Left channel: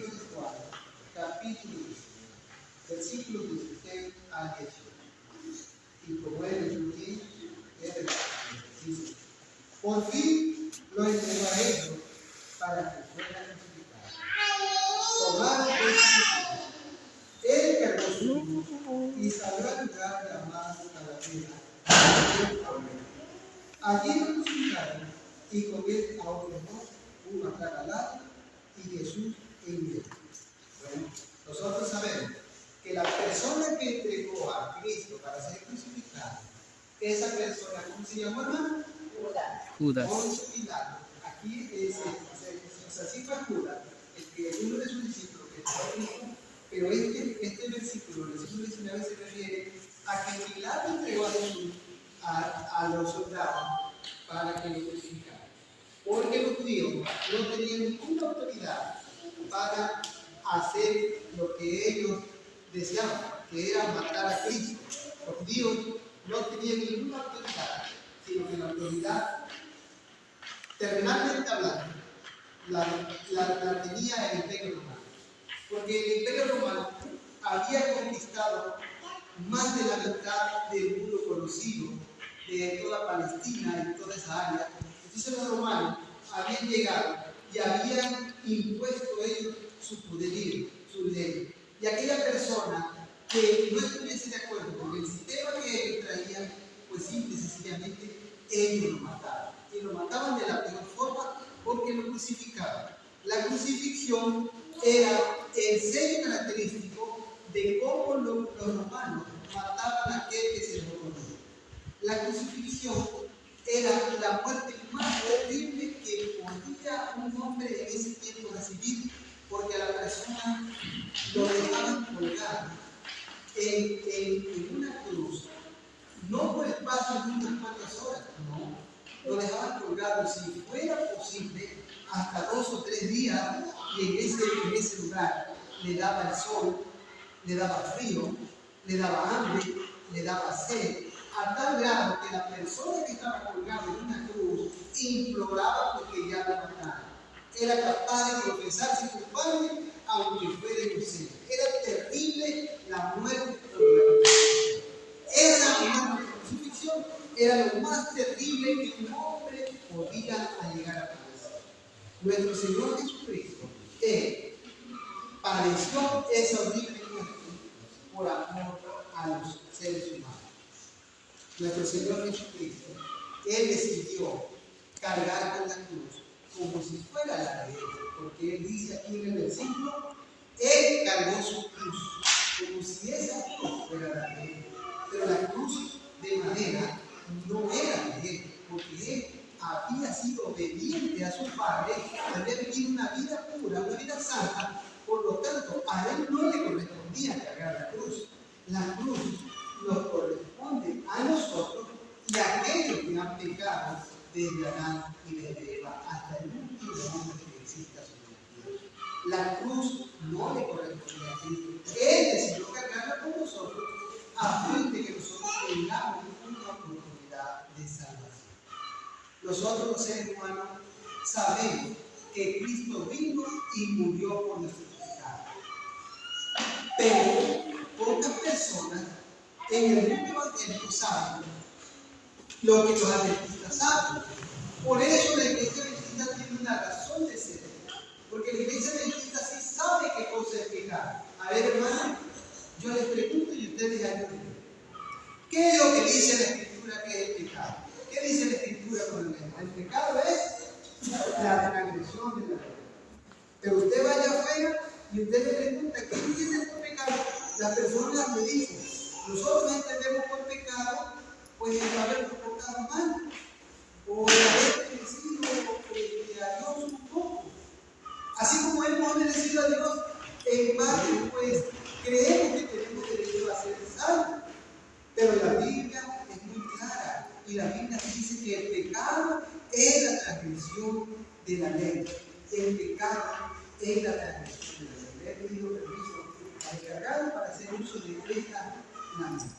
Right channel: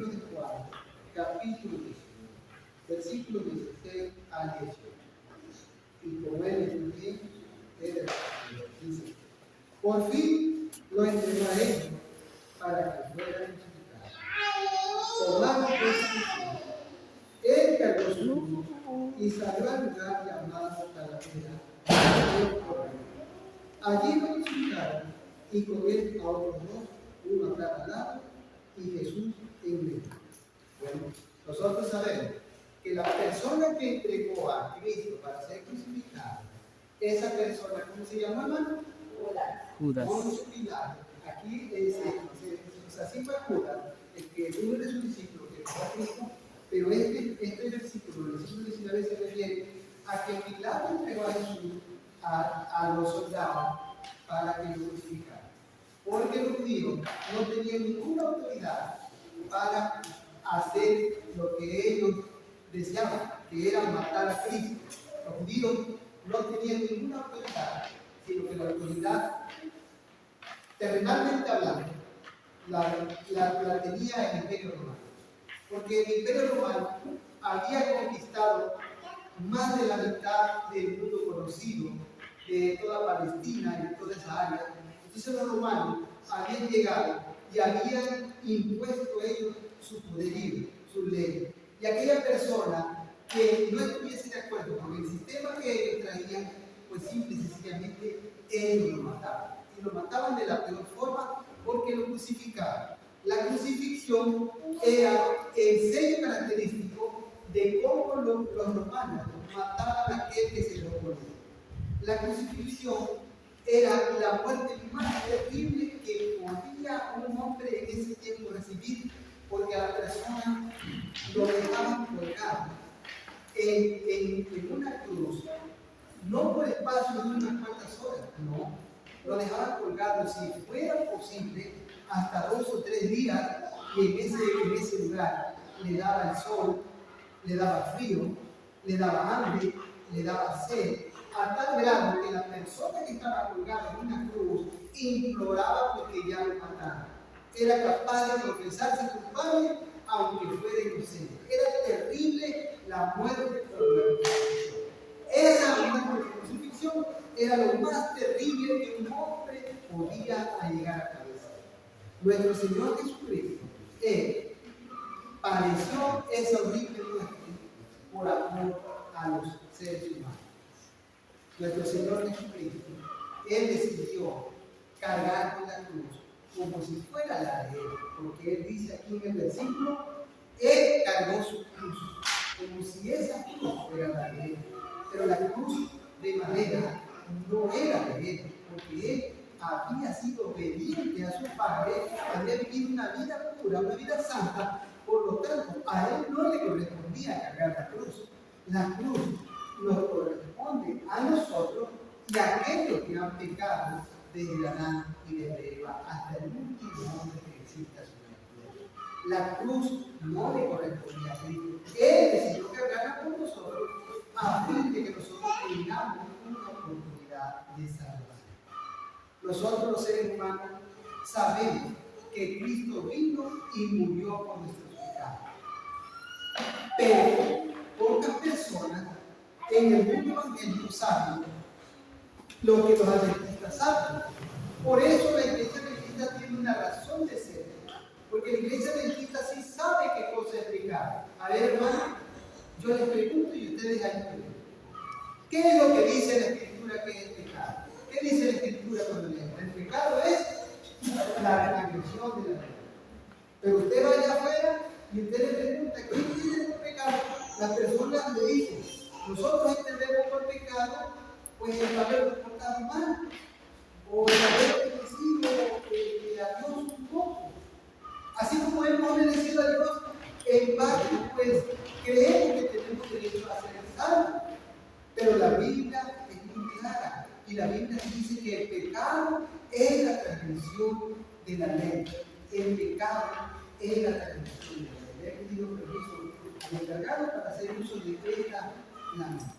libro de Juan, capítulo 19, versículos 16 al 18. Y como él incluye, dice: por fin lo entregó a ellos para que fuera crucificado. Tomando pues su cruz, él cargó su cruz y salió al lugar llamado Calavera. Allí lo crucificaron y con él a otros dos, uno a cada lado y Jesús en medio. Bueno, nosotros sabemos que la persona que entregó a Cristo para ser crucificado, esa persona, ¿cómo se llama, hermano? Judas. Poncio Pilato. Aquí así fue Judas, el que uno de sus discípulos que entregó a Cristo, pero este versículo, el versículo 19, se refiere a que Pilato entregó a Jesús a los soldados para que lo crucificaran. Porque los judíos no tenían ninguna autoridad para hacer lo que ellos deseaban, que era matar a Cristo. Los judíos no tenían ninguna autoridad, sino que la autoridad, terrenalmente hablando, la tenía el Imperio Romano. Porque el Imperio Romano había conquistado más de la mitad del mundo conocido, de toda Palestina y toda esa área. Entonces los romanos habían llegado y habían impuesto ellos su poderío, su ley. Y aquella persona que no estuviese de acuerdo con el sistema que ellos traían, pues simple y sencillamente ellos lo mataban. Y lo mataban de la peor forma porque lo crucificaban. La crucifixión era el sello característico de cómo los romanos mataban a aquel que se lo oponía. La crucifixión era la muerte más terrible que podía un hombre en ese tiempo recibir, porque a la persona lo dejaban colgado en una cruz, no por espacio de unas cuantas horas, no, lo dejaban colgado, si fuera posible, hasta 2 o 3 días, y en ese lugar le daba el sol, le daba frío, le daba hambre, le daba sed, a tal grado que la persona que estaba colgada en una cruz imploraba porque ya lo mataran. Era capaz de confesarse culpable aunque fuera inocente. Era terrible la muerte por la crucifixión. Esa muerte por crucifixión era lo más terrible que un hombre podía llegar a padecer. Nuestro Señor Jesucristo padeció esa horrible muerte por amor a los seres humanos. Nuestro Señor Jesucristo, Él decidió cargar con la cruz como si fuera la de Él, porque Él dice aquí en el versículo, Él cargó su cruz como si esa cruz fuera la de Él, pero la cruz de madera no era de Él, porque Él había sido obediente a su Padre, había vivido una vida pura, una vida santa, por lo tanto, a Él no le correspondía cargar la cruz. La cruz nos corresponde a nosotros y a aquellos que han pecado desde Adán y desde Eva hasta el último hombre que exista sobre la tierra. La cruz no le corresponde a Cristo. Él decidió cargarla por nosotros a fin de que nosotros tengamos una oportunidad de salvación. Nosotros los seres humanos sabemos que Cristo vino y murió por nuestros pecados. Pero pocas personas en el mundo evangélico saben lo que los adventistas saben. Por eso la iglesia adventista tiene una razón de ser. Porque la iglesia adventista sí sabe qué cosa es pecado. A ver, hermano, yo les pregunto y ustedes ayuden. ¿Qué es lo que dice la Escritura que es pecado? ¿Qué dice la Escritura con el pecado? El pecado es la transgresión de la ley. Pero usted vaya afuera y usted le pregunta, ¿qué entiende por pecado? Las personas le dicen, nosotros entendemos por pecado, pues el habernos portado mal, o el haber obedecido a Dios un poco. Así como hemos obedecido a Dios, en parte, pues creemos que tenemos derecho a ser salvos. Pero la Biblia es muy clara, y la Biblia dice que el pecado es la transgresión de la ley. El pecado es la transgresión de la ley. Le he pedido permiso al encargado para hacer uso de esta lámina.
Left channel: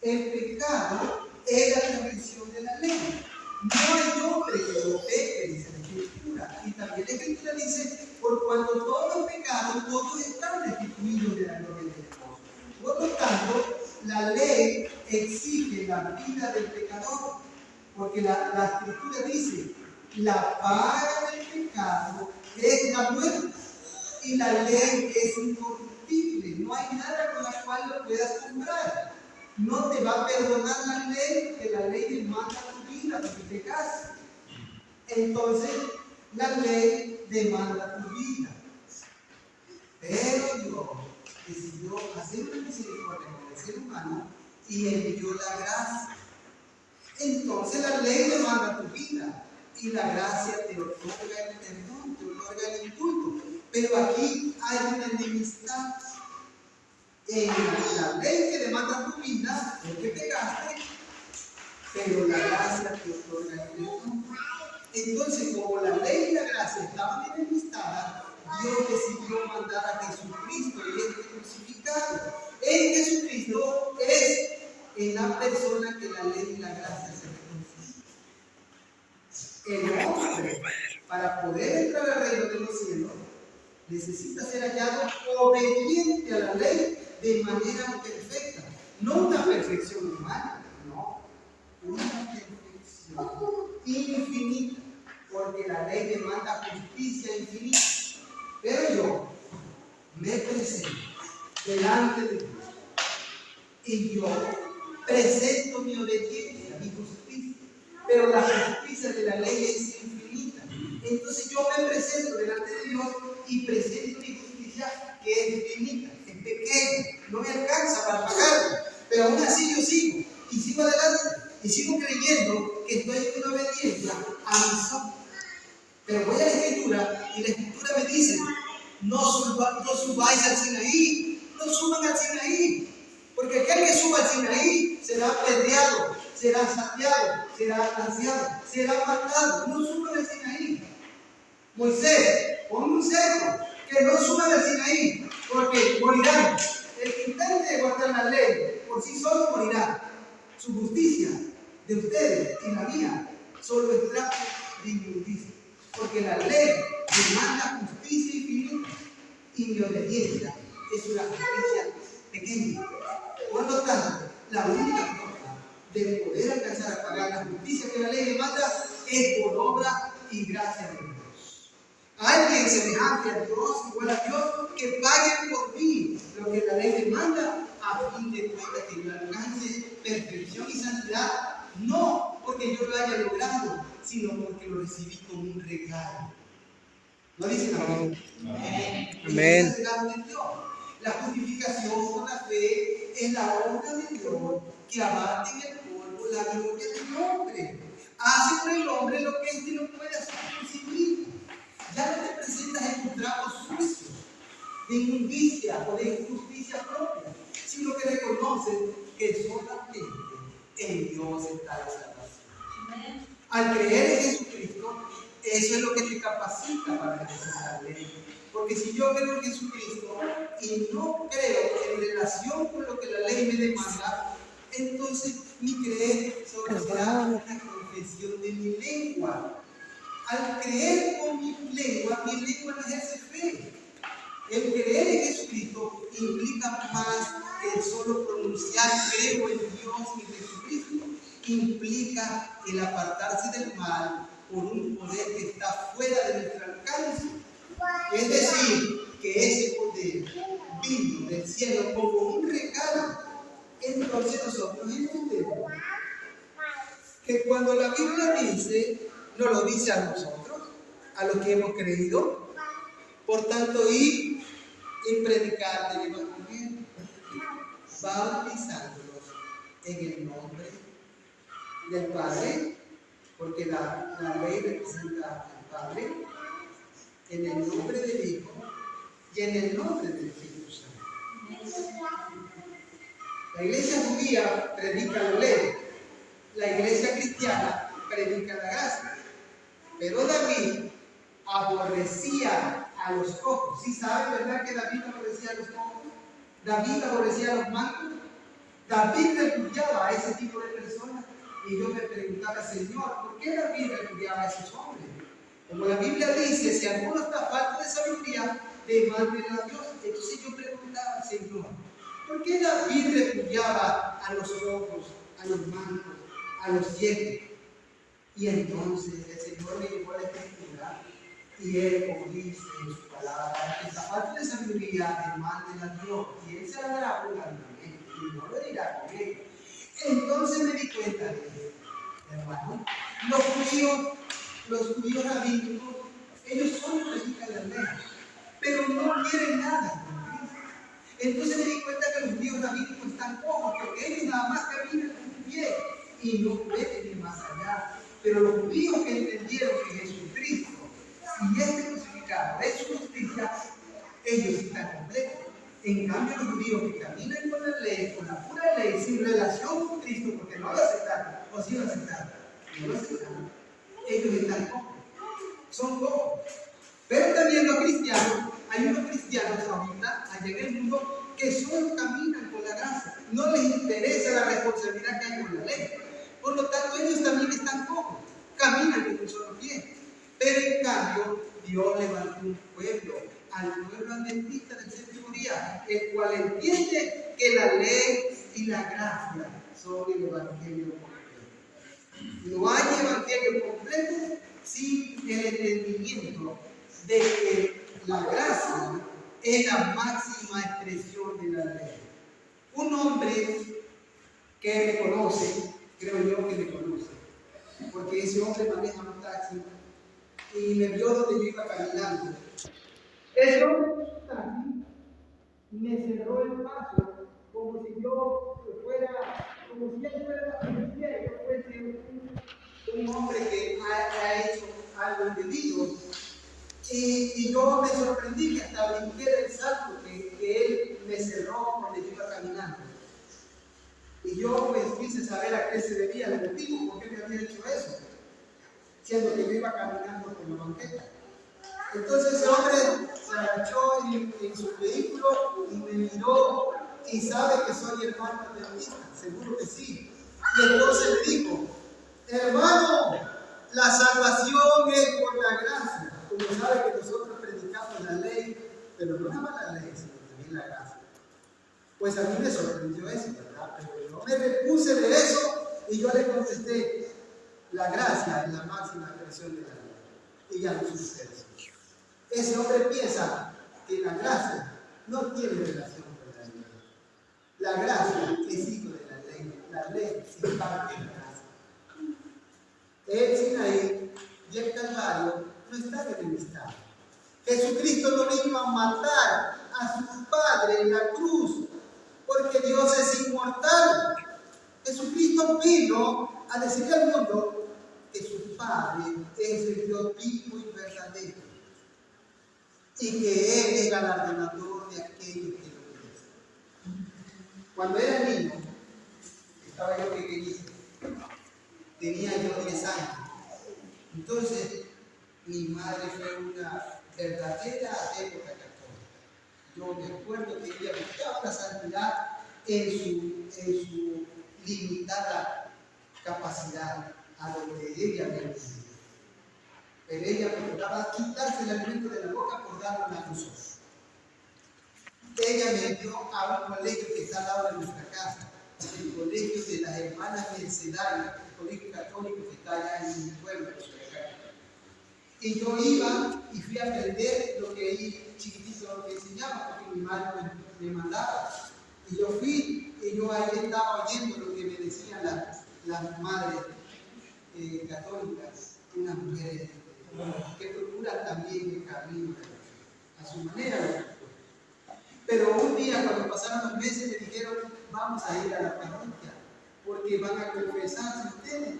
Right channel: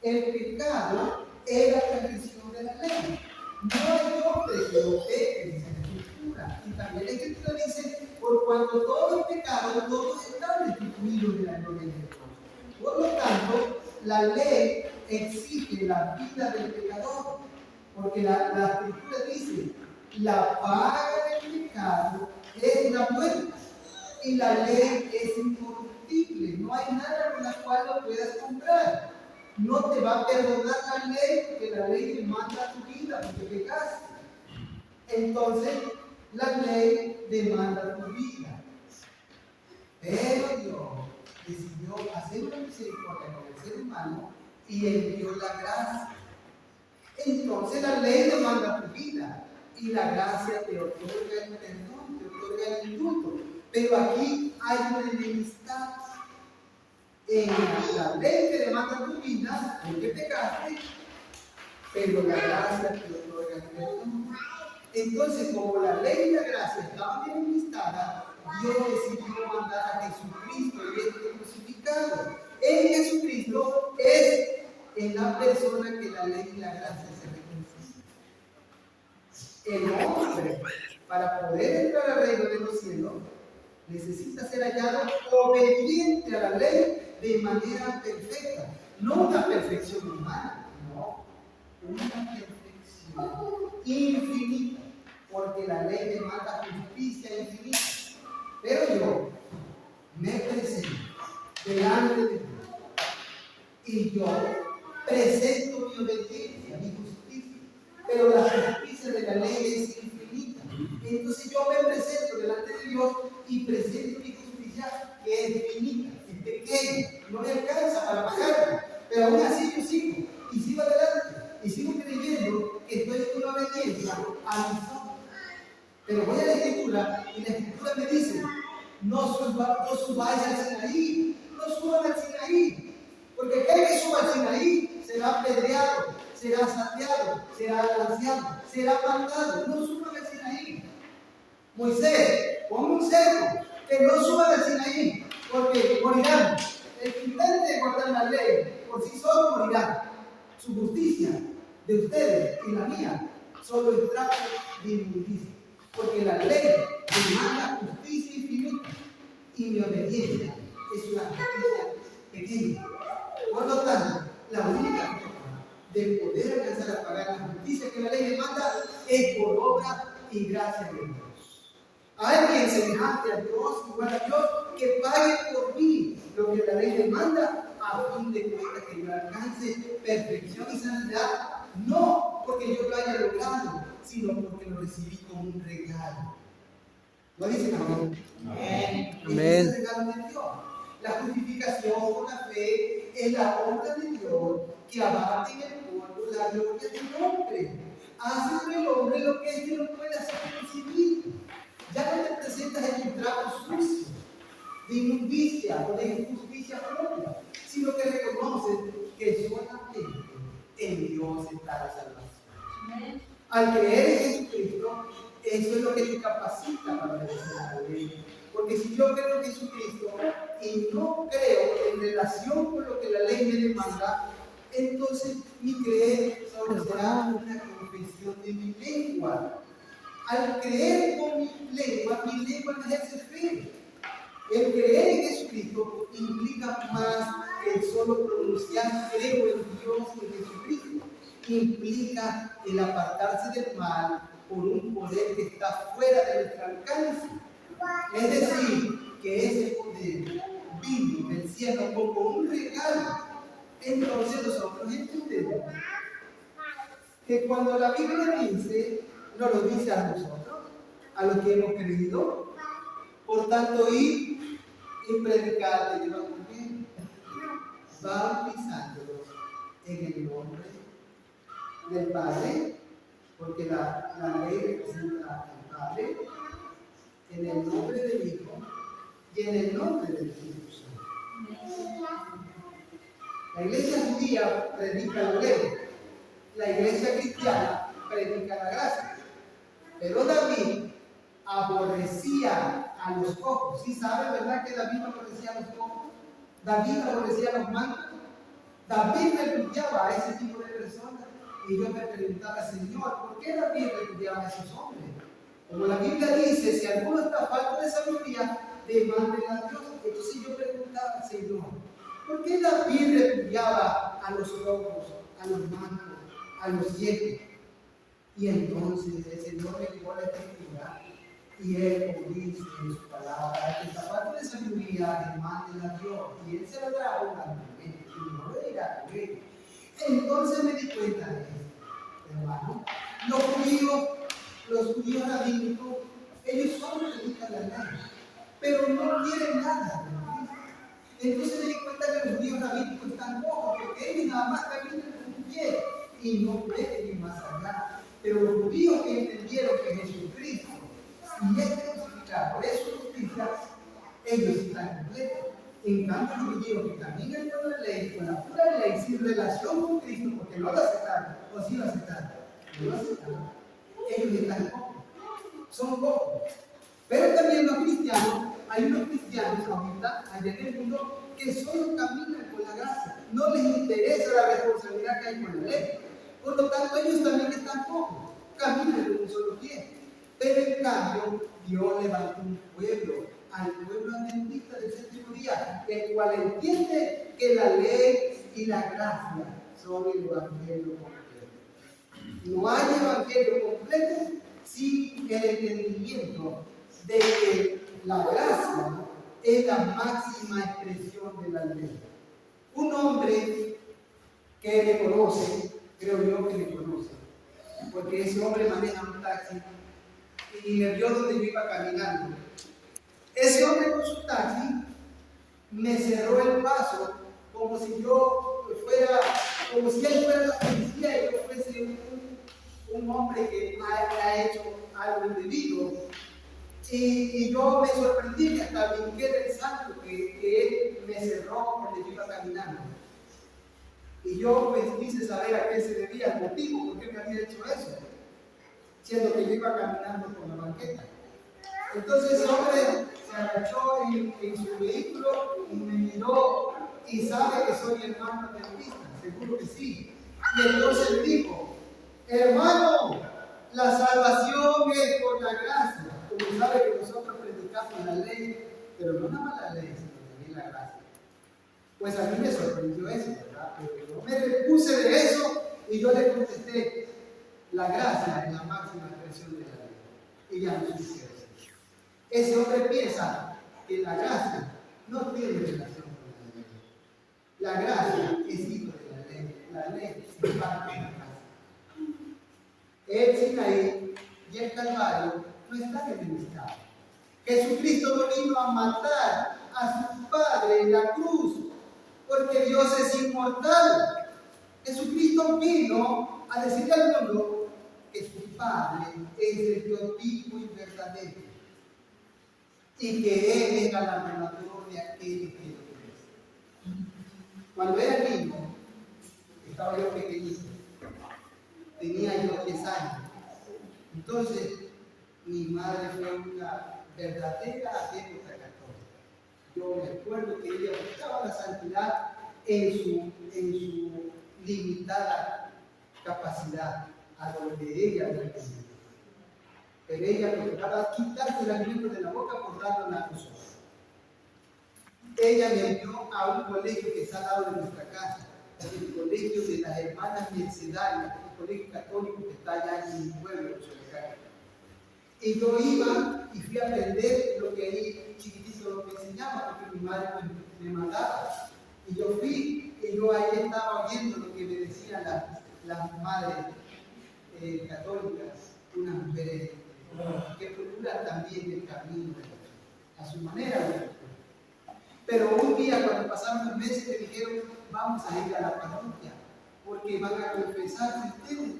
El pecado es la transgresión de la ley. No hay hombre que lo peque, dice la Escritura. Y también la Escritura dice, por cuanto todos los pecados, todos están destituidos de la gloria de Dios. Por lo tanto, la ley exige la vida del pecador, porque la Escritura dice, la paga del pecado es la muerte, y la ley es incorruptible, no hay nada con la cual lo puedas comprar. No te va a perdonar la ley, que la ley demanda tu vida porque pecaste. Entonces, la ley demanda tu vida. Pero Dios decidió hacer una misericordia con el ser humano y envió la gracia. Entonces, la ley demanda tu vida y la gracia te otorga el perdón, te otorga el indulto. Pero aquí hay una enemistad. En la ley que demanda tu vida, porque pecaste, pero la gracia te otorga el perdón. Entonces, como la ley y la gracia estaban enemistadas, Dios decidió mandar a Jesucristo y este crucificado. En Jesucristo es en la persona que la ley y la gracia se reconcilian. El hombre, para poder entrar al reino de los cielos, necesita ser hallado obediente a la ley de manera perfecta. No una perfección humana, no, una perfección infinita, porque la ley demanda justicia infinita. Pero yo me presento delante de Dios y yo presento mi obediencia, mi justicia, pero la justicia de la ley es infinita. Entonces yo me presento delante de Dios y presento mi justicia, que es infinita, es pequeña, no me alcanza para pagarla, pero aún así yo sigo y sigo adelante y sigo creyendo que estoy en una obediencia a mi Señor. Pero voy a la Escritura y la Escritura me dice, no subáis al Sinaí, no suban al Sinaí, porque aquel que suba al Sinaí será apedreado, será saqueado, será lanceado, será matado. No suban al Sinaí. Moisés, ponme un cerco, que no suban al Sinaí, porque morirán. El que intente guardar la ley por sí solo morirá. Su justicia de ustedes y la mía solo es trapo de injusticia, porque la ley demanda justicia infinita y mi obediencia es una justicia pequeña. Por lo tanto, la única forma de poder alcanzar a pagar la justicia que la ley demanda es por obra y gracia de Dios. Alguien semejante a Dios, igual a Dios, que pague por mí lo que la ley demanda, a fin de cuentas que yo alcance perfección y santidad, no porque yo lo haya logrado, sino porque lo recibí como un regalo. ¿Lo dicen amén? Amén. Amén. Es el regalo de Dios. La justificación con la fe es la obra de Dios que abate en el polvo la gloria del hombre. Hace con el hombre lo que éste no puede hacer por sí mismo. Ya no te presentas en un trapo sucio de inmundicia o de injusticia propia, sino que reconoces que solamente en Dios está la salvación. Al creer en Jesucristo, eso es lo que te capacita para ejercer la ley. Porque si yo creo en Jesucristo y no creo en relación con lo que la ley me demanda, entonces mi creer solo será una confesión de mi lengua. Al creer con mi lengua no ejerce fe. El creer en Jesucristo implica más que el solo pronunciar creo en Dios y en Jesucristo. Implica el apartarse del mal por un poder que está fuera de nuestro alcance. Es decir, que ese poder vino del cielo como un regalo. Entonces nosotros entendemos que cuando la Biblia dice, nos lo dice a nosotros, a los que hemos creído, por tanto, ir y predicar el Evangelio, bautizándolos en el nombre del Padre, porque la ley representa al Padre, en el nombre del Hijo y en el nombre del Espíritu Santo. La iglesia judía predica la ley, la iglesia cristiana predica la gracia, pero David aborrecía a los cojos. ¿Sí sabe, verdad, que David aborrecía a los cojos? David aborrecía a los mancos. David repudiaba a ese tipo de personas. Y yo me preguntaba, Señor, ¿por qué David repudiaba a esos hombres? Como la Biblia dice, si alguno está falto de sabiduría, demanden a Dios. Entonces yo preguntaba, Señor, ¿por qué David repudiaba a los locos, a los mancos, a los ciegos? Y entonces el Señor me llevó a la Escritura y Él, como dice en su palabra, que está falto de sabiduría, demanden a Dios y Él se la dará abundantemente y no lo dirá con Él. Entonces me di cuenta de esto, hermano. Los judíos rabínicos, ellos solo predican la ley, pero no quieren nada con Cristo. Entonces me di cuenta que los judíos rabínicos están cojos, porque ellos nada más caminan con un pie y no pueden ir más allá. Pero los judíos que entendieron que Jesucristo, si es crucificado, es su justicia, ellos están completos. En cambio, los judíos que caminan con la ley, con la pura ley, sin relación con Cristo, porque no lo aceptaron, o sí lo aceptaron, no lo aceptaron, ellos están cojos, son cojos. Pero también los cristianos, hay unos cristianos ahorita, allá en el mundo, que solo caminan con la gracia, no les interesa la responsabilidad que hay con la ley. Por lo tanto, ellos también están cojos, caminan con un solo pie. Pero en cambio, Dios levantó un pueblo, al pueblo adventista del séptimo día, el cual entiende que la ley y la gracia son el evangelio completo. No hay evangelio completo sin el entendimiento de que la gracia es la máxima expresión de la ley. Un hombre que me conoce, creo yo que me conoce, porque ese hombre maneja un taxi y me vio donde yo iba caminando. Ese hombre con su taxi me cerró el paso como si yo fuera, como si él fuera la policía y yo fuese un hombre que ha hecho algo indebido. Y yo me sorprendí que hasta brinqué del salto que él me cerró donde yo iba caminando. Y yo pues quise saber a qué se debía el motivo, por qué me había hecho eso, siendo que yo iba caminando por la banqueta. Entonces ese hombre se agachó en su vehículo y me miró y sabe que soy hermano adventista, seguro que sí. Y entonces me dijo, hermano, la salvación es por la gracia. Como sabe que nosotros predicamos la ley, pero no nada más la ley, sino también la gracia. Pues a mí me sorprendió eso, ¿verdad? Pero yo me repuse de eso y yo le contesté, la gracia es la máxima expresión de la ley. Y ya no sucede eso. Ese hombre piensa que la gracia no tiene relación con la ley. La gracia es hijo de la ley es parte de la gracia. El Sinaí y el Calvario no están enemistados. Jesucristo no vino a matar a su Padre en la cruz, porque Dios es inmortal. Jesucristo vino a decirle al mundo que su Padre es el Dios vivo y verdadero, y que Él es galardonador de aquellos que lo obedecen. Cuando era niño, estaba yo pequeñito, tenía yo 10 años. Entonces, mi madre fue una verdadera adepta católica. Yo me acuerdo que ella buscaba la santidad en su limitada capacidad, a donde ella me entendió. Pero ella procuraba quitarse el alimento de la boca por darlo a tus ojos. Ella me envió a un colegio que está al lado de nuestra casa, el colegio de las hermanas mercedarias, un colegio católico que está allá en mi pueblo, en Solecán. Y yo iba y fui a aprender lo que ahí chiquitito lo que enseñaba, porque mi madre me mandaba. Y yo fui, y yo ahí estaba oyendo lo que me decían las madres católicas, unas mujeres que procuran también el camino a su manera. Pero un día, cuando pasaron los meses, me dijeron, vamos a ir a la parroquia, porque van a confesarse ustedes.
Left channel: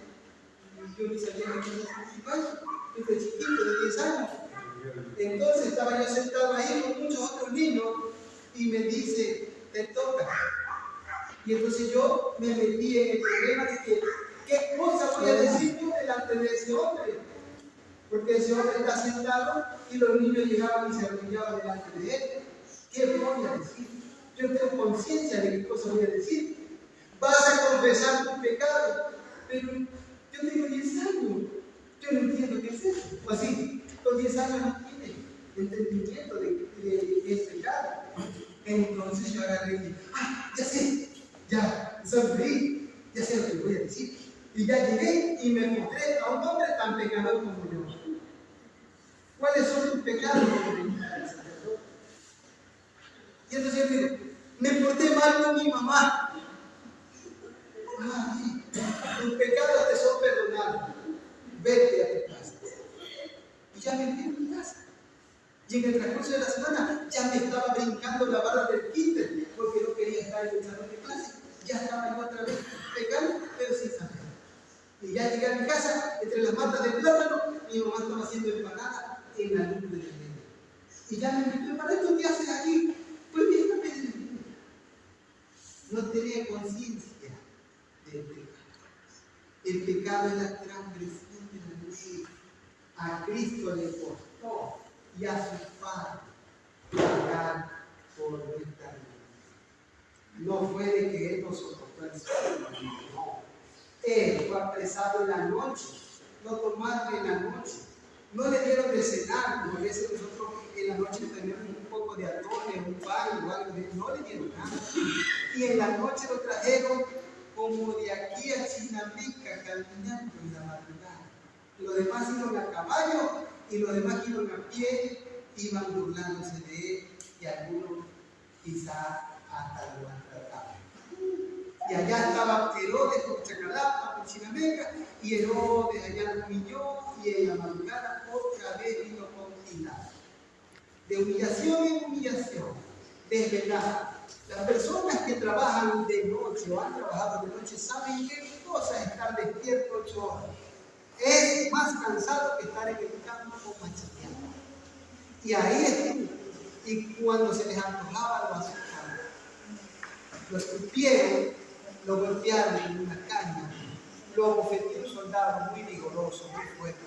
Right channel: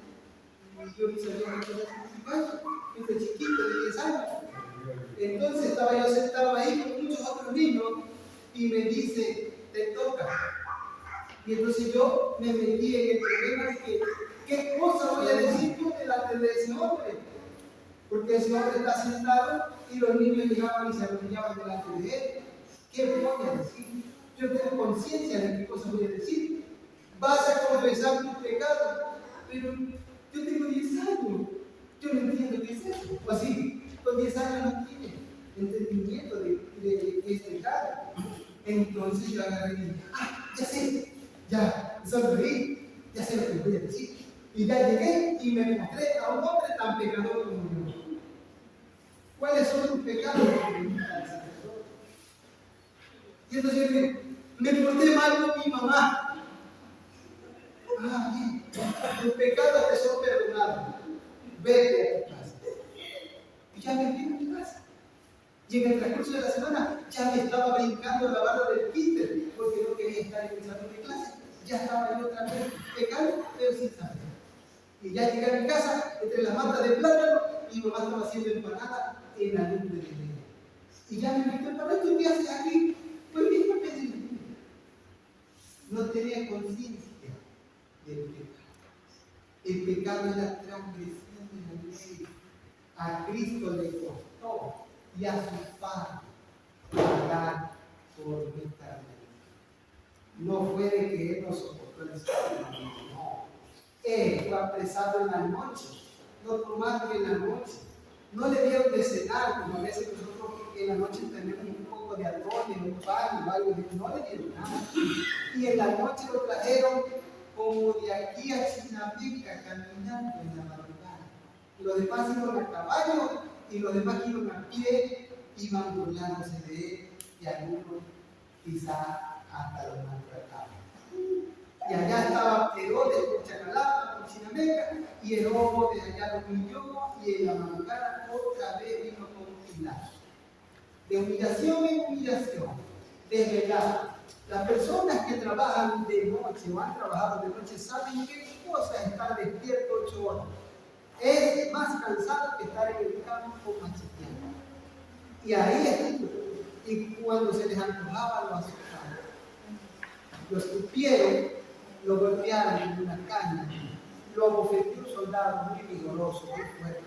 Y yo ni sabía que era confesar, desde chiquito, de 10 años. Entonces estaba yo sentado ahí con muchos otros niños y me dice, te toca. Y entonces yo me metí en el problema de que, ¿qué cosa voy a decir yo delante de ese hombre? Porque ese hombre está sentado y los niños llegaban y se arrodillaban delante de él. ¿Qué voy a decir? Yo tengo conciencia de qué cosa voy a decir. Vas a confesar tu pecado, pero yo tengo 10 años. Yo no entiendo qué es eso. O así. Con 10 años no tiene entendimiento de qué es pecado. Entonces yo agarré y dije, ya sé, ya sonreí, ya sé lo que voy a decir. Y ya llegué y me mostré a un hombre tan pecador como yo. ¿Cuáles son tus pecados? Y entonces yo digo, me porté mal con mi mamá. Tus pecados te son perdonados. Vete a tu casa. Y ya me fui a mi casa. Y en el transcurso de la semana ya me estaba brincando la barra del kinder porque no quería estar en el salón de clase. Ya estaba yo otra vez pecando, pero sin saber. Y ya llegué a mi casa, entre las matas de plátano, mi mamá estaba haciendo empanada en la lumbre de leña. Y ya me invitó, ¿para esto qué haces aquí? Pues vine a pedir. No tenía conciencia del pecado. El pecado es la transgresión de la ley. A Cristo le costó y a su Padre pagar por nuestra vida. No fue de que Él nos soportó el sueño, no. Él fue apresado en la noche, no tomaron en la noche, no le dieron de cenar, como a veces nosotros en la noche tenemos un poco de atole, un pan o algo, no le dieron nada. Y en la noche lo trajeron como de aquí a Chinapica, caminando en la madrugada. Los demás iban a caballo y los demás iban a pie, iban burlándose de él y algunos quizá hasta lo maltrataban. Y allá estaba Herodes con Chacalapa, con Chinameca, y Herodes allá lo humilló, y en la madrugada otra vez vino con Pilato. De humillación en humillación, desvelada. Las personas que trabajan de noche o han trabajado de noche saben qué cosa es estar despierto 8 horas. Es más cansado que estar en el campo macheteando. Y ahí estuvo. Y cuando se les antojaba, lo azotaban. Lo escupieron, lo golpearon en una caña, lo bofeteó un soldado muy vigoroso, muy fuerte.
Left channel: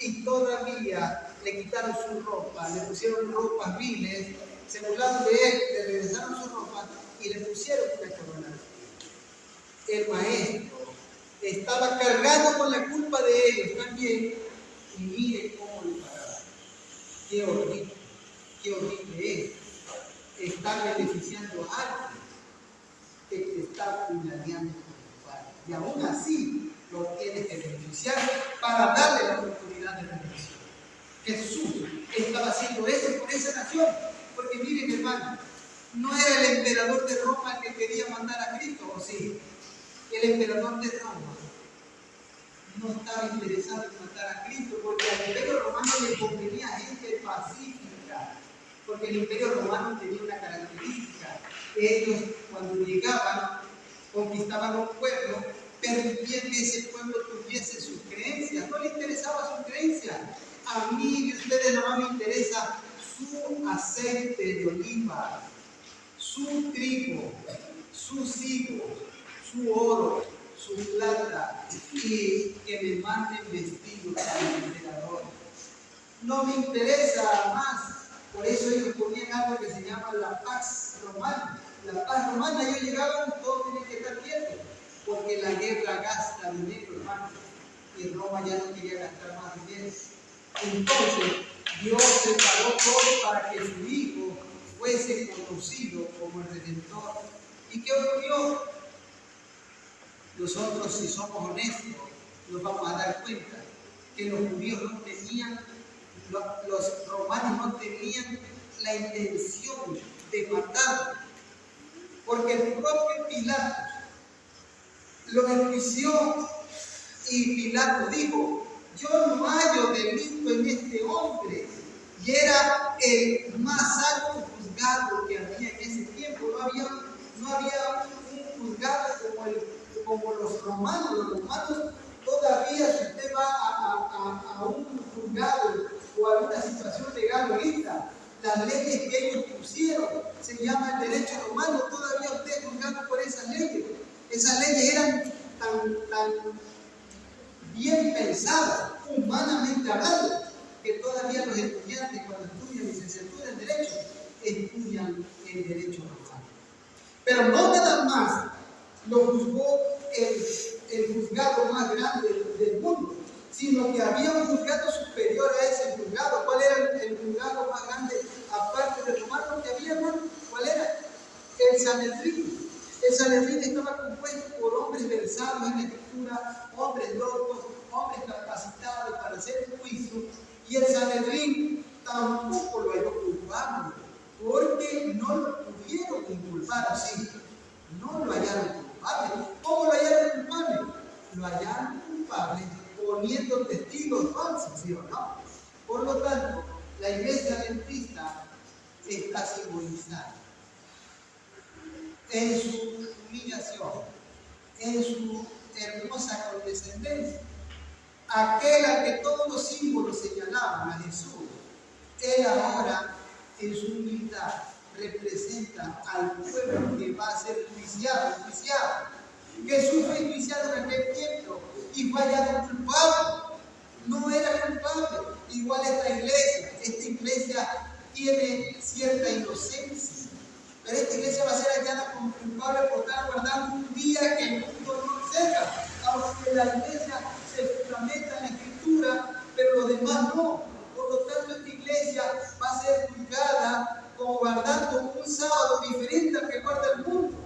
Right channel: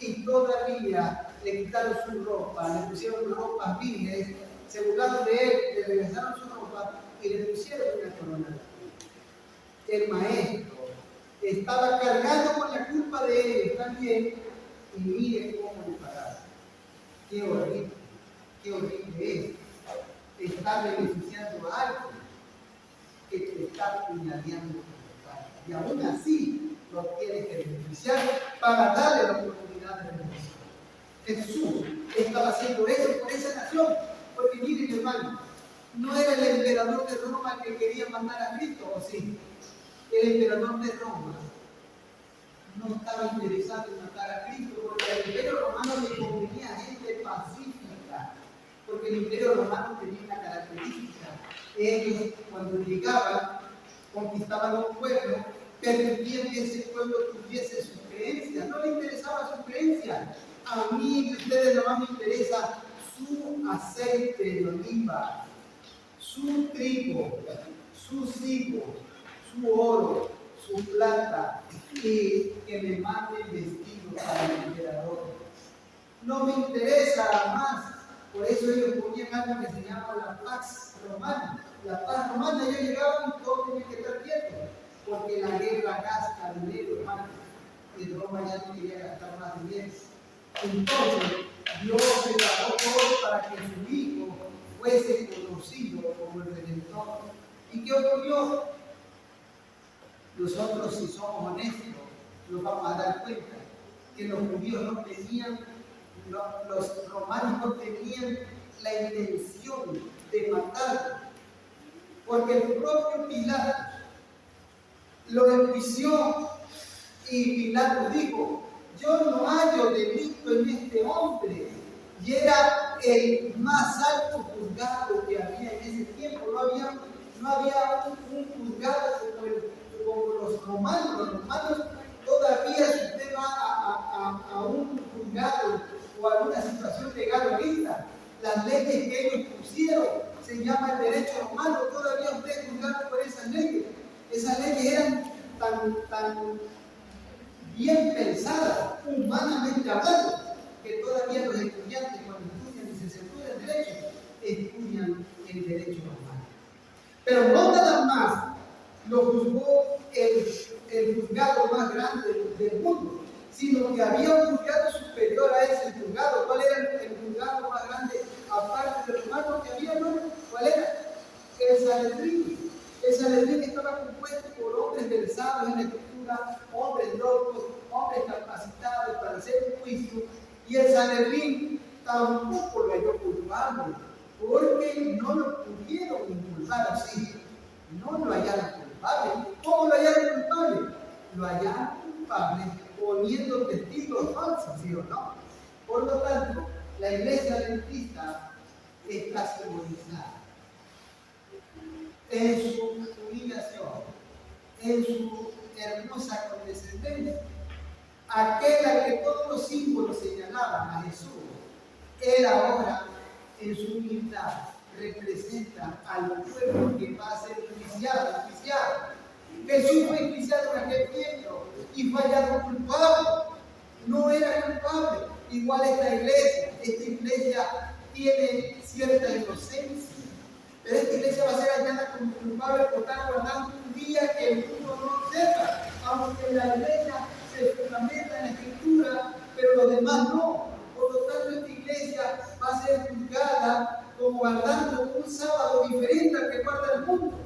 Y todavía le quitaron su ropa, le pusieron ropas viles, se burlaron de él, le regresaron su ropa y le pusieron una corona. El maestro estaba cargando con la culpa de ellos también, y mire cómo le pagaron. Qué horrible es estar beneficiando a alguien que te está puñaleando con tu padre. Y aún así lo tienes que beneficiar para darle la oportunidad de bendición. Jesús estaba haciendo eso por esa nación, porque miren, hermano, no era el emperador de Roma el que quería mandar a Cristo, ¿o sí? El emperador de Roma no estaba interesado en matar a Cristo, porque al imperio romano le convenía gente pacífica, porque el imperio romano tenía una característica: ellos cuando llegaban, conquistaban un pueblo, permitían que ese pueblo tuviese sus creencias, no le interesaba su creencia. A mí y a ustedes nada más me interesa su aceite de oliva, su trigo, sus higos, su oro, su plata, y que me manden vestidos al emperador. No me interesa más. Por eso ellos ponían algo que se llama la Pax Romana. La paz romana, ellos llegaban, todos tenían que estar quietos, porque la guerra gasta dinero, hermano, y Roma ya no quería gastar más dinero. Entonces, Dios preparó todo para que su Hijo fuese conocido como el Redentor. ¿Y qué ocurrió? Nosotros, si somos honestos, nos vamos a dar cuenta que los judíos no tenían, los romanos no tenían la intención de matarlo, porque el propio Pilato lo enjuició y Pilato dijo: yo no hallo delito en este hombre. Y era el más alto juzgado que había en ese tiempo. No había un juzgado como los romanos. Los romanos todavía, si usted va a un juzgado o a una situación legal ahorita, las leyes que ellos pusieron se llama el derecho romano. Todavía usted es juzgado por esas leyes. Esas leyes eran tan bien pensadas, humanamente hablando, que todavía los estudiantes, cuando estudian licenciatura en Derecho, estudian el derecho romano. Pero no nada más lo juzgó el juzgado más grande del mundo, sino que había un juzgado superior a ese juzgado. ¿Cuál era el juzgado más grande, aparte del romano que había, hermano? ¿Cuál era? El Sanedrín. El Sanedrín estaba compuesto por hombres versados en la escritura, hombres doctos, hombres capacitados para hacer un juicio, y el Sanedrín tampoco lo halló culpable, porque no lo pudieron inculpar, así, no lo hallaron culpable. ¿Cómo lo hallaron culpable? Lo hallaron culpable poniendo testigos falsos, ¿sí o no? Por lo tanto, la iglesia adventista está simbolizada en su humillación, en su hermosa condescendencia. Aquel al que todos los símbolos señalaban, a Jesús, él ahora en su humildad representa al pueblo que va a ser enjuiciado. Jesús fue enjuiciado en aquel tiempo y fue hallado culpable. No era culpable. Igual esta iglesia tiene cierta inocencia. Pero esta iglesia va a ser hallada como culpable por estar guardando un día que el mundo no observa. Aunque la iglesia se fundamenta en la escritura, pero los demás no. Por lo tanto, esta iglesia va a ser juzgada como guardando un sábado diferente al que guarda el mundo.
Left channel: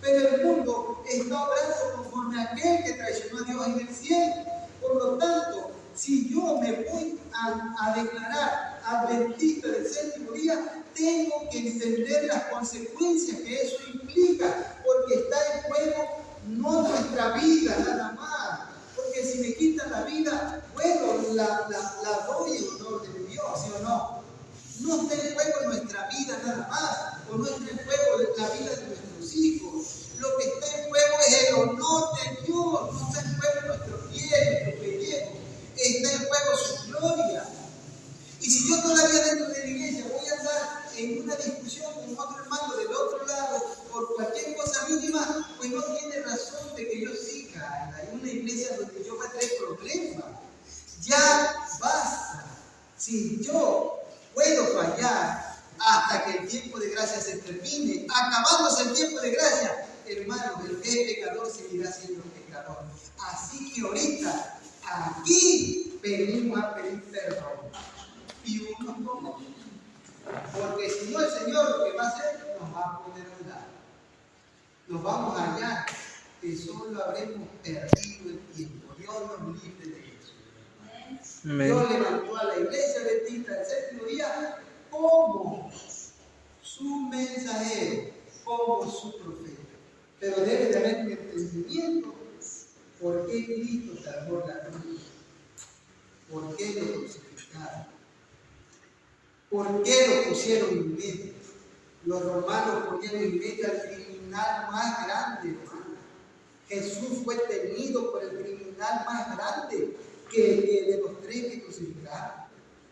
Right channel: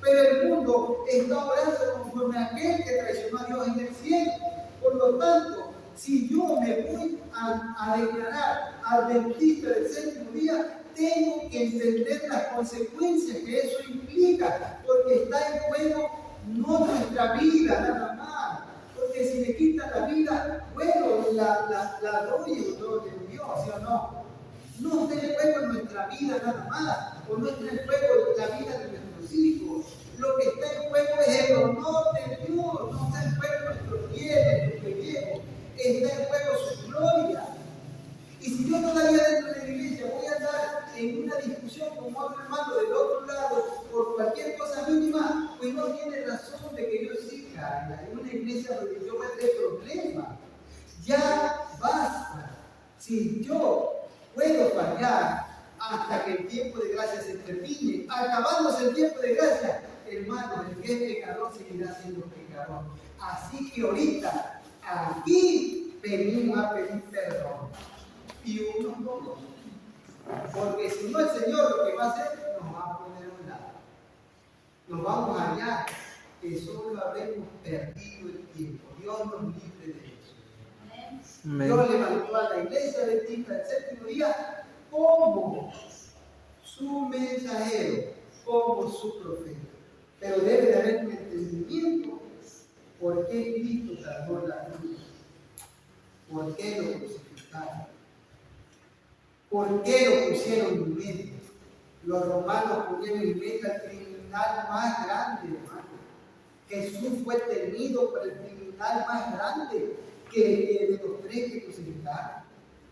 Pero el mundo está obrando conforme a aquel que traicionó a Dios en el cielo. Por lo tanto, si yo me voy a declarar adventista del séptimo día, tengo que entender las consecuencias que eso implica, porque está en juego no nuestra vida nada más, porque si me quitan la vida, bueno, la doy en honor de Dios, ¿sí o no? No está en juego nuestra vida nada más, o no está en juego la vida de nuestros hijos. Lo que está en juego es el honor de Dios, no está en juego nuestro pie, nuestro pellejo, está en juego su gloria. Y si yo todavía dentro de la iglesia voy a andar en una discusión con otro hermano del otro lado por cualquier cosa mínima, pues no tiene razón de que yo siga en una iglesia donde yo me trae problemas. Ya basta. Si yo puedo fallar hasta que el tiempo de gracia se termine, acabándose el tiempo de gracia, hermano, el que es pecador seguirá siendo pecador. Así que ahorita, aquí venimos a pedir perdón. Y unos pocos. Porque si no, el Señor lo que va a hacer, nos va a poner a un lado. Nos vamos a hallar que solo habremos perdido el tiempo. Dios nos libre de eso. Amén. Dios levantó a la iglesia adventista del séptimo día como su mensajero, como su profeta. Pero debe de haber un entendimiento por qué Cristo cargó la cruz, por qué lo crucificaron. ¿Por qué lo pusieron en medio? Los romanos ponieron en medio al criminal más grande, hermano. Jesús fue tenido por el criminal más grande que de los tres que crucificaron.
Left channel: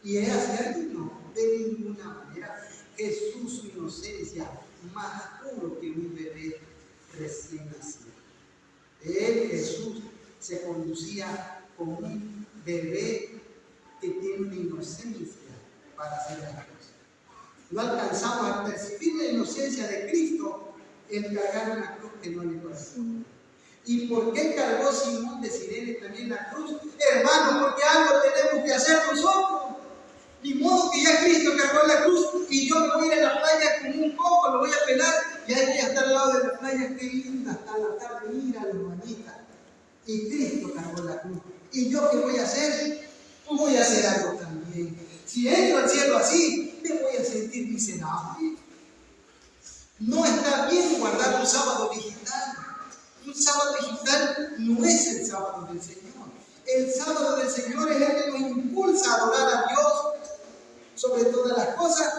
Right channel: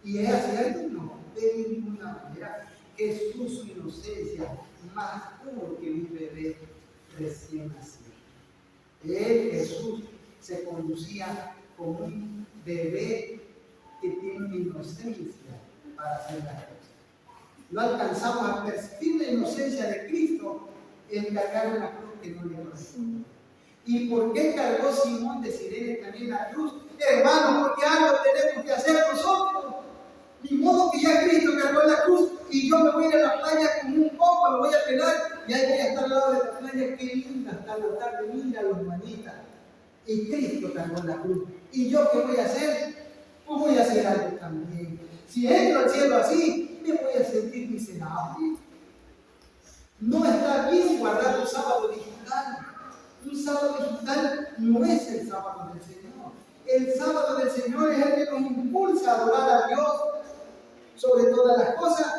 ¿Y es cierto? No, de ninguna manera. Jesús, su inocencia, más puro que un bebé recién nacido. Él, Jesús, se conducía como un bebé que tiene una inocencia para hacer las cosas. No alcanzamos a percibir la inocencia de Cristo en cargar una cruz que no le corresponde. ¿Y por qué cargó Simón de Cirene también la cruz? Hermano, porque algo tenemos que hacer nosotros. Ni modo que ya Cristo cargó la cruz y yo me voy a ir a la playa con un coco, lo voy a pelar y ahí voy a estar al lado de la playa, qué linda, hasta la tarde, mira los manitas. Y Cristo cargó la cruz. ¿Y yo qué voy a hacer? Pues voy a hacer algo también. Si entro al cielo así, me voy a sentir miserable. No está bien guardar un sábado digital. Un sábado digital no es el sábado del Señor. El sábado del Señor es el que nos impulsa a adorar a Dios sobre todas las cosas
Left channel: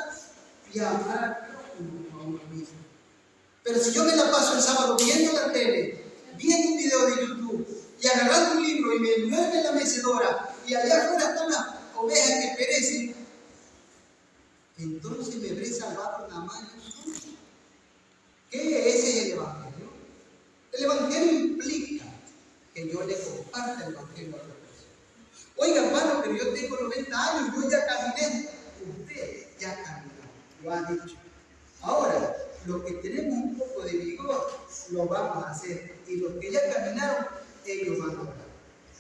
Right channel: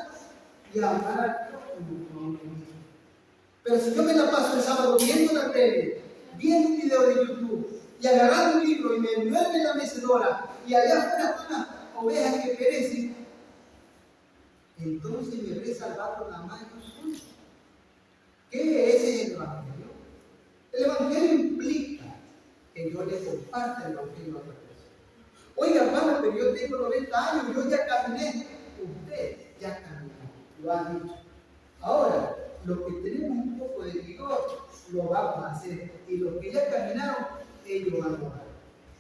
y a amar a Dios como a uno mismo. Pero si yo me la paso el sábado viendo la tele, viendo un video de YouTube y agarrando un libro y me duermo en la mecedora y allá afuera están las ovejas que perecen, entonces me habré salvado nada más yo solo. ¿Qué es el Evangelio? El Evangelio implica que yo le comparta el Evangelio a otra persona. Oiga, hermano, pero yo tengo 90 años, yo ya caminé. Usted ya caminó, lo ha dicho. Ahora, los que tenemos un poco de vigor, lo vamos a hacer. Y los que ya caminaron, ellos van a orar.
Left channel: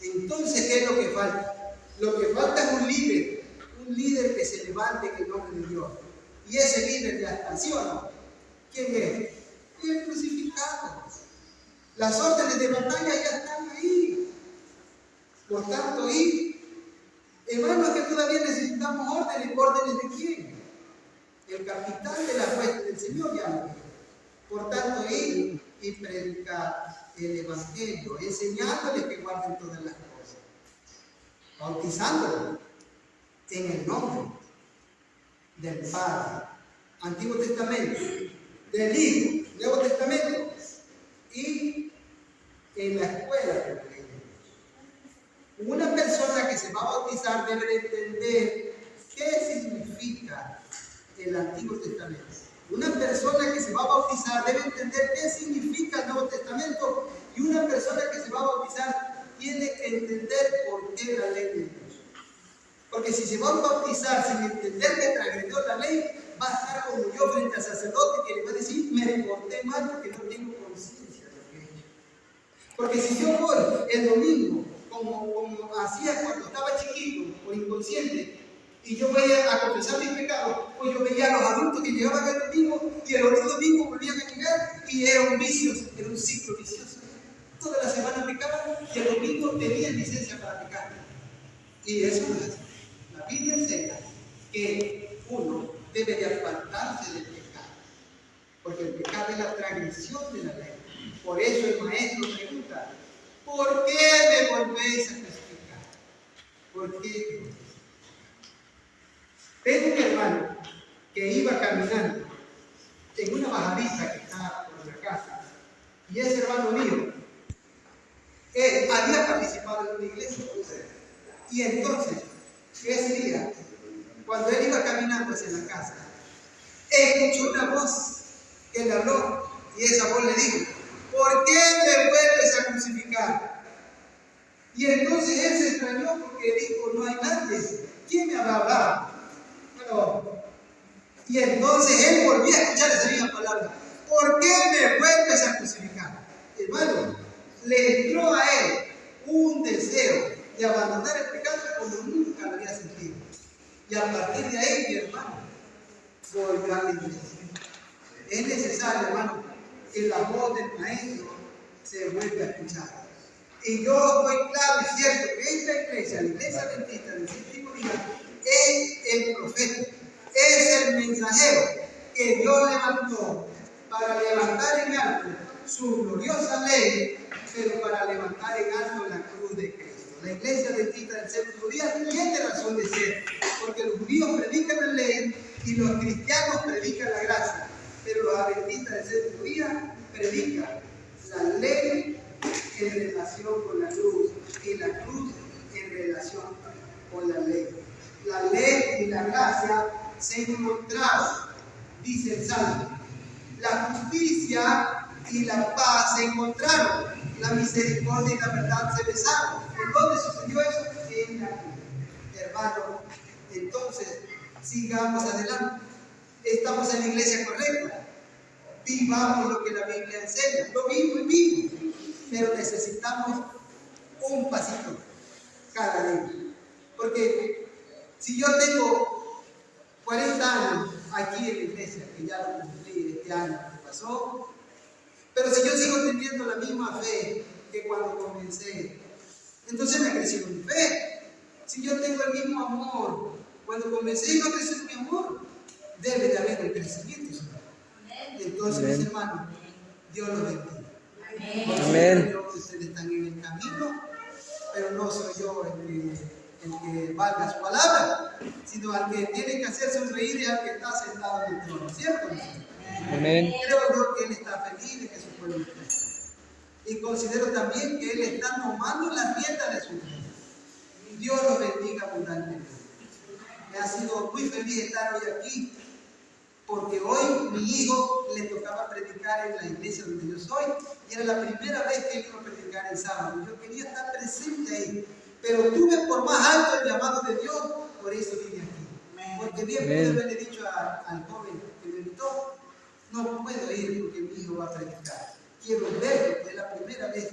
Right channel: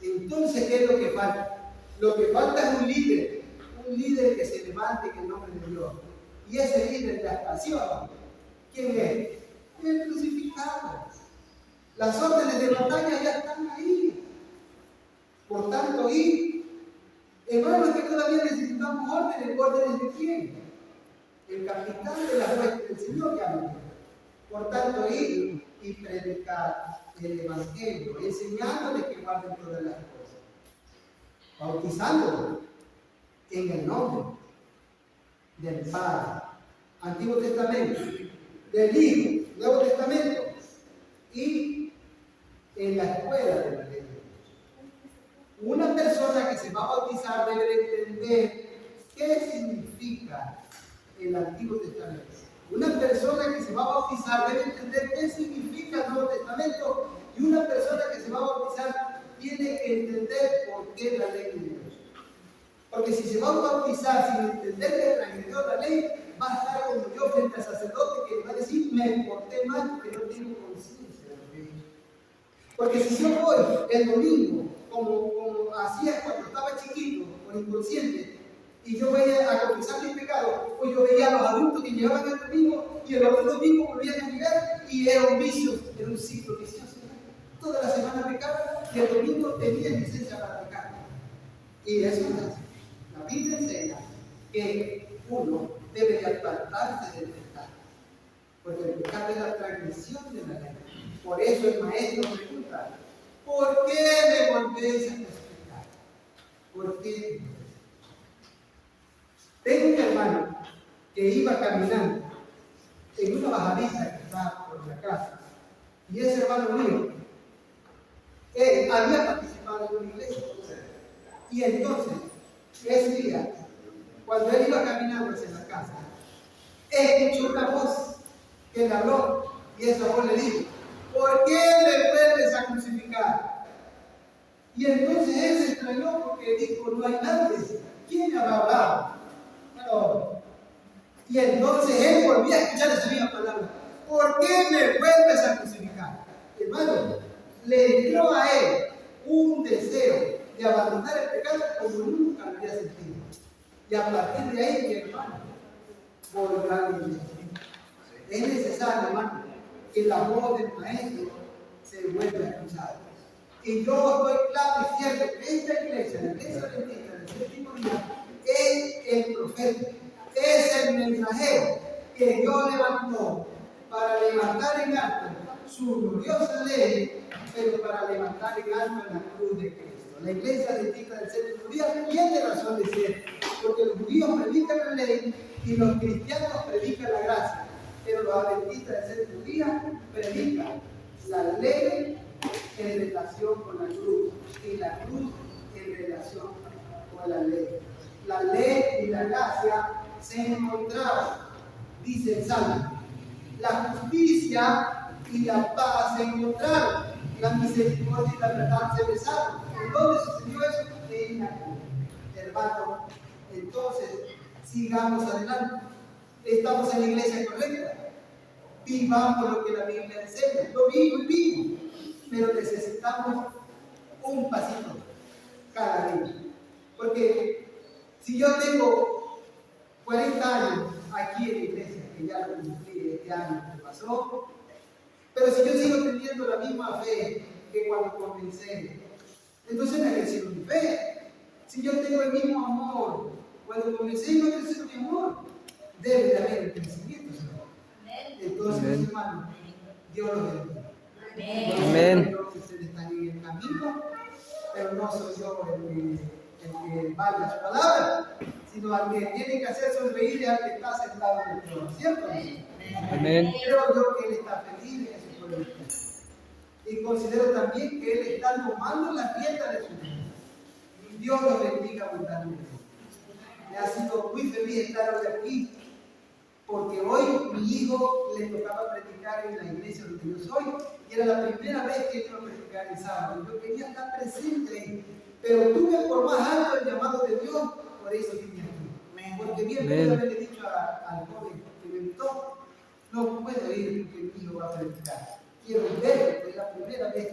Entonces, ¿qué es lo que falta? Lo que falta es un líder que se levante en el nombre de Dios. Y ese líder ya está, ¿sí o no? ¿Quién es? El crucificado. Las órdenes de batalla ya están ahí. Por tanto, hermanos, que todavía necesitamos órdenes. ¿Órdenes de quién? El capitán de la hueste del Señor ya lo dijo. Por tanto, ir y predicar el Evangelio, enseñándoles que guarden todas las cosas, bautizándolos en el nombre del Padre, Antiguo Testamento, del Hijo, Nuevo Testamento, y en la escuela de la ley de Dios. Una persona que se va a bautizar debe entender qué significa el Antiguo Testamento. Una persona que se va a bautizar debe entender qué significa el Nuevo Testamento, y una persona que se va a bautizar tiene que entender por qué la ley de Dios. Porque si se va a bautizar sin entender que transgredió la ley, va a estar como yo frente al sacerdote que le va a decir: me porté mal porque no tengo conciencia de lo que he hecho. Porque si yo voy el domingo, como hacía cuando estaba chiquito o inconsciente, y yo voy a confesar mis pecados, pues yo veía a los adultos que llegaban el domingo y el otro domingo volvían a llegar, y era un vicio, era un ciclo vicioso. Toda la semana pecaban y el domingo tenían licencia para pecar. Y eso no es así. La Biblia enseña que uno debe de apartarse del pecado, porque el pecado es la transgresión de la ley. Por eso el maestro pregunta: ¿por qué me volvéis a crucificar? ¿Por qué? Tengo un hermano que iba caminando en una bajadita que está por la casa, y ese hermano mío, él había participado en una iglesia, y entonces ese día, cuando él iba caminando hacia la casa, escuchó una voz que le habló, y esa voz le dijo: ¿por qué me vuelves a crucificar? Y entonces él se extrañó porque dijo: no hay nadie, ¿quién me habrá hablado? Bueno, y entonces él volvió a escuchar esa misma palabra: ¿por qué me vuelves a crucificar? Hermano, le entró a él un deseo de abandonar el pecado como nunca lo había sentido. Y a partir de ahí, mi hermano, volvió a la iglesia. Es necesario, hermano, que la voz del maestro se vuelva a escuchar. Y yo estoy claro y cierto que esta iglesia, la iglesia bendita del séptimo día, es el profeta, es el mensajero que Dios levantó para levantar en alto su gloriosa ley, pero para levantar en alto la cruz de Cristo. La iglesia bendita del séptimo día tiene razón de ser, porque los judíos predican la ley y los cristianos predican la gracia, pero los adventistas del séptimo día predican la ley en relación con la cruz y la cruz en relación con la ley. La ley y la gracia se encontraron, dice el Salmo. La justicia y la paz se encontraron. La misericordia y la verdad se besaron. ¿En dónde sucedió eso? En la cruz. Hermano, entonces sigamos adelante. Estamos en la iglesia correcta. Vivamos lo que la Biblia enseña. Lo vivo y vivo. Pero necesitamos un pasito cada día. Porque si yo tengo 40 años aquí en la iglesia, que ya lo cumplí este año que pasó, pero si yo sigo teniendo la misma fe que cuando comencé, entonces me ha crecido mi fe. Si yo tengo el mismo amor cuando comencé y no ha crecido mi amor, debe de haber un crecimiento, Señor. Entonces, mis hermanos, Dios los bendiga. Amén. Yo que ustedes están en el camino, pero no soy yo el que valga su palabra, sino al que tiene que hacer sonreír y al que está sentado en el trono, ¿cierto? Amén. Creo yo que Él está feliz de que su pueblo esté. Y considero también que Él está tomando las riendas de su vida. Y Dios lo bendiga abundantemente. Me ha sido muy feliz estar hoy aquí, porque hoy mi hijo le tocaba predicar en la iglesia donde yo soy, y era la primera vez que él iba a predicar el sábado. Yo quería estar presente ahí, pero tuve por más alto el llamado de Dios, por eso vine aquí. Porque bien pude haberle dicho al joven que me invitó: no puedo ir porque mi hijo va a predicar. Quiero verlo, que es la primera vez,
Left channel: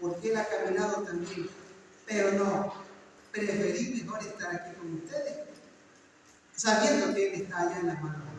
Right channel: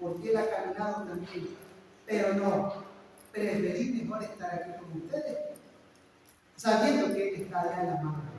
porque él ha caminado también. pero no, preferí mejor estar aquí con ustedes, sabiendo que Él está allá en la mano.